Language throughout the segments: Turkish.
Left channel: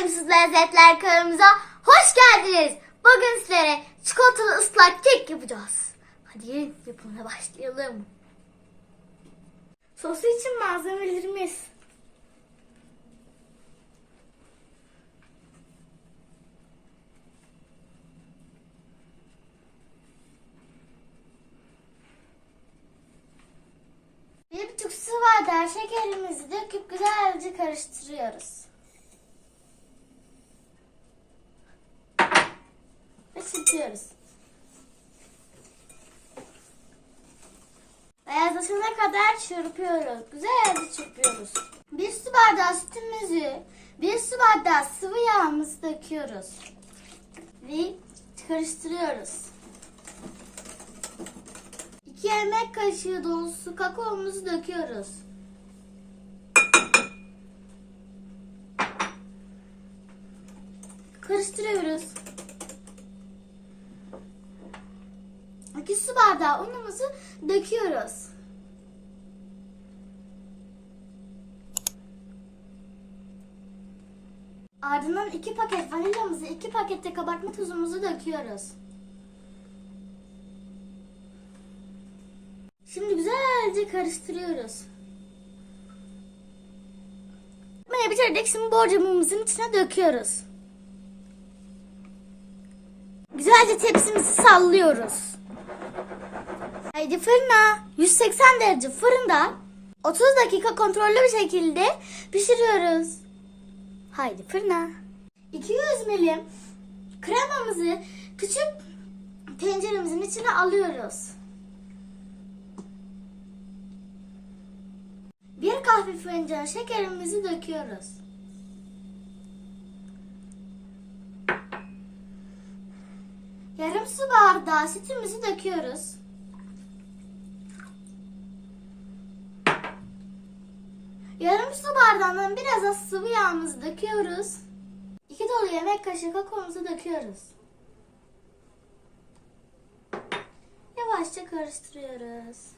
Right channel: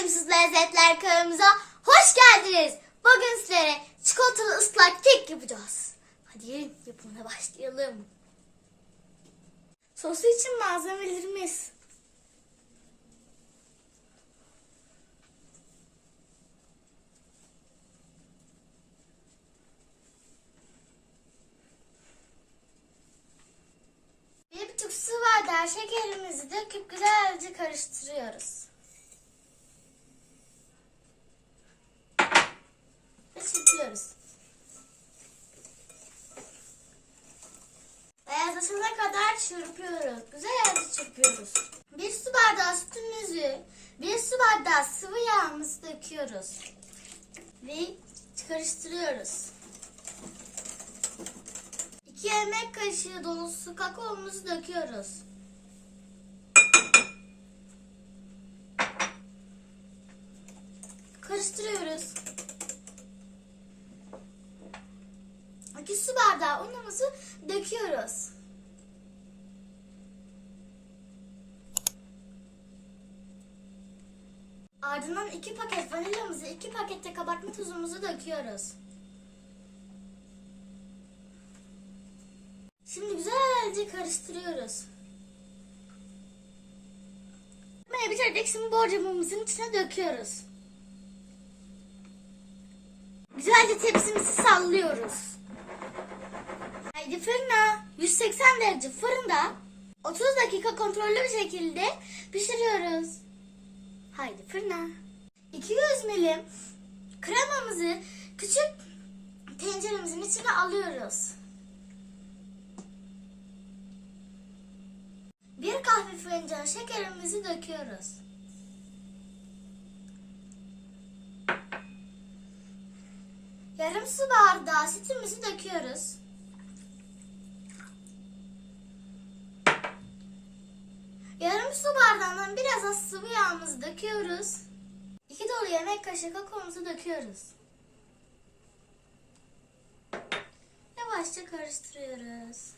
doyumsuz lezzetler kanalımıza hoş geldiniz. Bugün sizlere çikolatalı ıslak kek yapacağız. Hadi gelin yapımına başlayalım. Sosu için malzemelerimiz. Bir buçuk su bardağı şekerimizi döküp güzelce karıştırıyoruz. Çırpıyoruz. Beyazlaşana kadar çırpıyoruz. Güzelce çırpıyoruz. Bir su bardağı sütümüzü, bir su bardağı sıvı yağımızı döküyoruz. Ve karıştırıyoruz. 2 yemek kaşığı dolusu kakaomuzu döküyoruz. Karıştırıyoruz. 2 su bardağı unumuzu döküyoruz. Ardından 2 paket vanilyamızı, 2 pakette kabartma tozumuzu döküyoruz. Şimdi güzelce karıştırıyoruz. Bunu bitirdik. Şimdi borcamımızın içine döküyoruz. Güzelce tepsimizi sallıyoruz. Haydi fırına 180 derece fırında 30 dakika kontrollü bir şekilde pişiriyoruz. Haydi fırına. 200 milim kremamızı küçük tenceremizin içine alıyoruz. Bir kahve fincanı şekerimizi döküyoruz. Yarım su bardağı sütümüzü döküyoruz. Yarım su bardağından biraz az sıvı yağımızı döküyoruz. İki dolu yemek kaşığı kakaomuzu döküyoruz. Yavaşça karıştırıyoruz.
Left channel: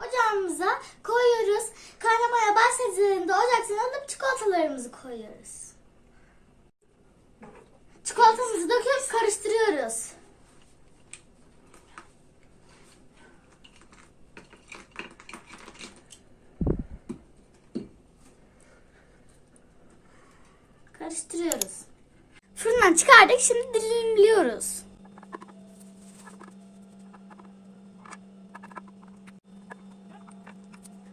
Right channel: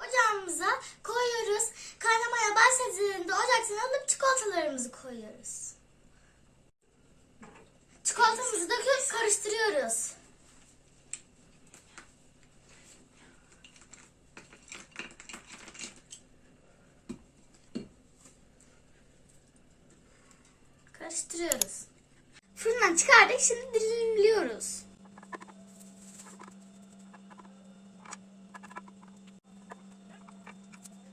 Ocağımıza koyuyoruz. Kaynamaya başladığında ocaktan alıp çikolatalarımızı koyuyoruz. Çikolatamızı döküp karıştırıyoruz. Karıştırıyoruz. Fırından çıkardık. Şimdi dilimliyoruz.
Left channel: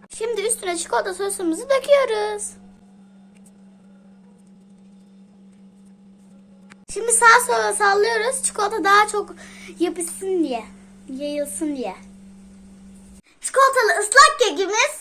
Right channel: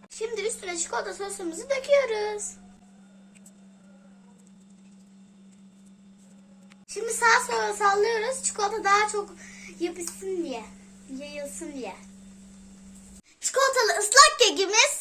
Şimdi üstüne çikolata sosumuzu döküyoruz. Şimdi sağa sola sallıyoruz. Çikolata daha çok yapışsın diye. Yayılsın diye. Çikolatalı ıslak kekimiz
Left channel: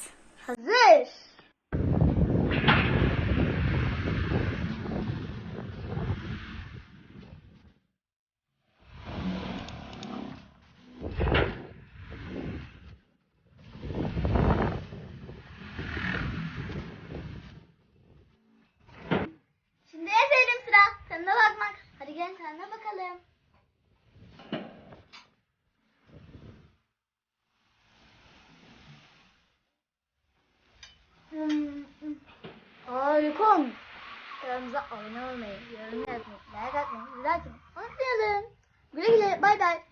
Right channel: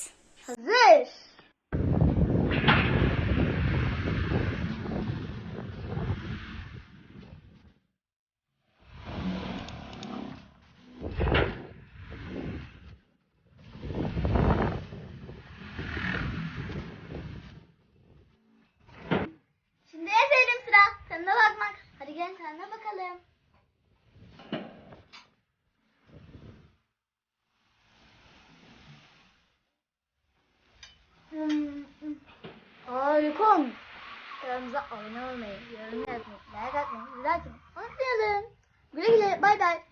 Olmuş. Kanalımıza abone olmayı, yorum yazmayı, like atmayı, güzel atmayı unutmayalım. Güle güle, bay bay.